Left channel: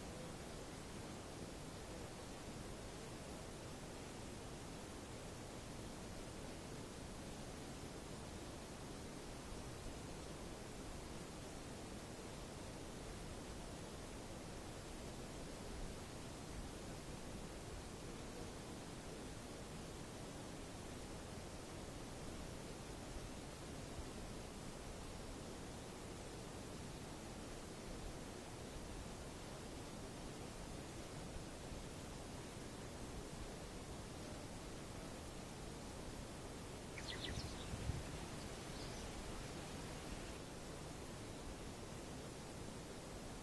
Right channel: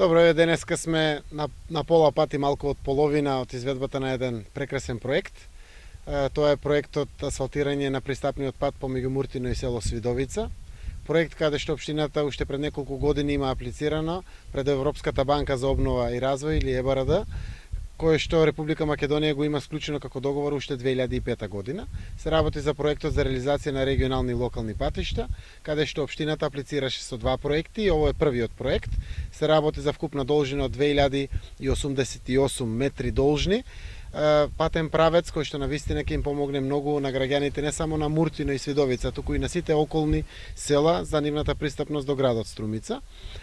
Добро, еве денеска сме на пола пат и малку од половина од изведбата на еден прекрасен проект. Тоа е проектот асфалтирање на пристапниот пат помеѓу Муртино и село Свидовица. Проект каде што општината уште пред неколку години има аплицирано пред Европската банка за обнова и развој или ЕБРД, кој што Република Македонија го има склучено како договор уште 2005 година. Се работи за проектот за реализација на регионални и локални патишта, каде што општината аплицираше со два проекти и ово е првиот проект. Се работи за вкупна должина од 2088 метри должни, патен правец кој што навистина ќе им помогне многу на граѓаните не само на Муртино и Свидовица, туку и на сите околни села за нивната пристапност до градот Струмица,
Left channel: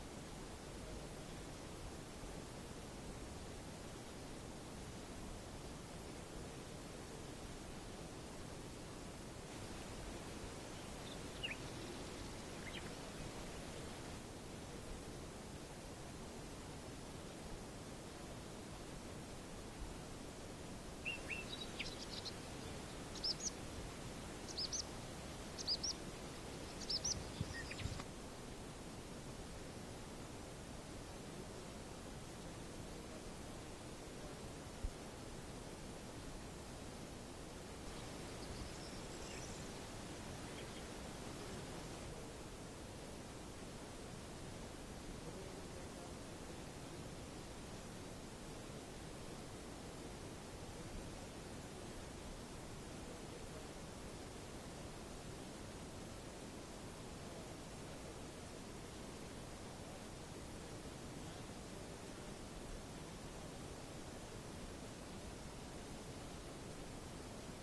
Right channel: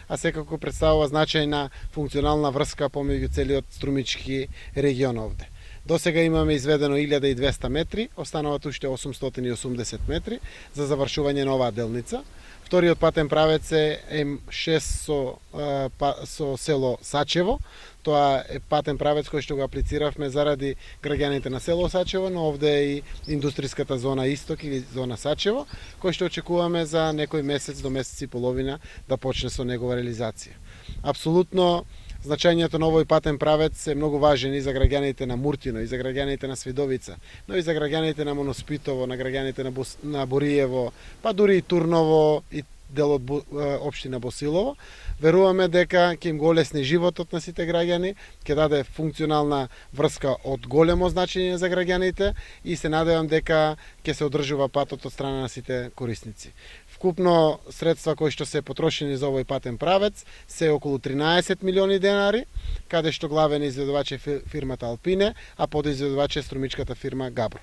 а секако представува значајна функционална врска помеѓу целиот струмички регион овде. До сега имаме изведено 1200 метри, остануваат уште 880 метри за завршување на оваа делница. Вториот патен правец е М6 со село Сачево. Тоа е патен правец кој што го аплициравме заради граѓаните на село Сачево, но овде е и индустријската зона Исток или зона Сачево, кој што очекуваме за некој месец до месец и половина да почне со негова реализација. Апсолутно значењето на овој патен правец е многу важен и за граѓаните на Муртино, и за граѓаните на Свидовица, но и за граѓаните на Моноспитово, на граѓаните на Бориево, па дури и Турново и дел од општина Босилово. Веруваме дека ќе им го олесни животот на сите граѓани, ќе даде функционална врска од големо значење за граѓаните и се надевам дека ќе се одржува патот од страна на сите корисници. Вкупно средства кои што се потрошени за овој патен правец се околу 13 милиони денари, каде што главен изведувач е фирмата Алпине, а подизведувач е струмичката фирма Габро.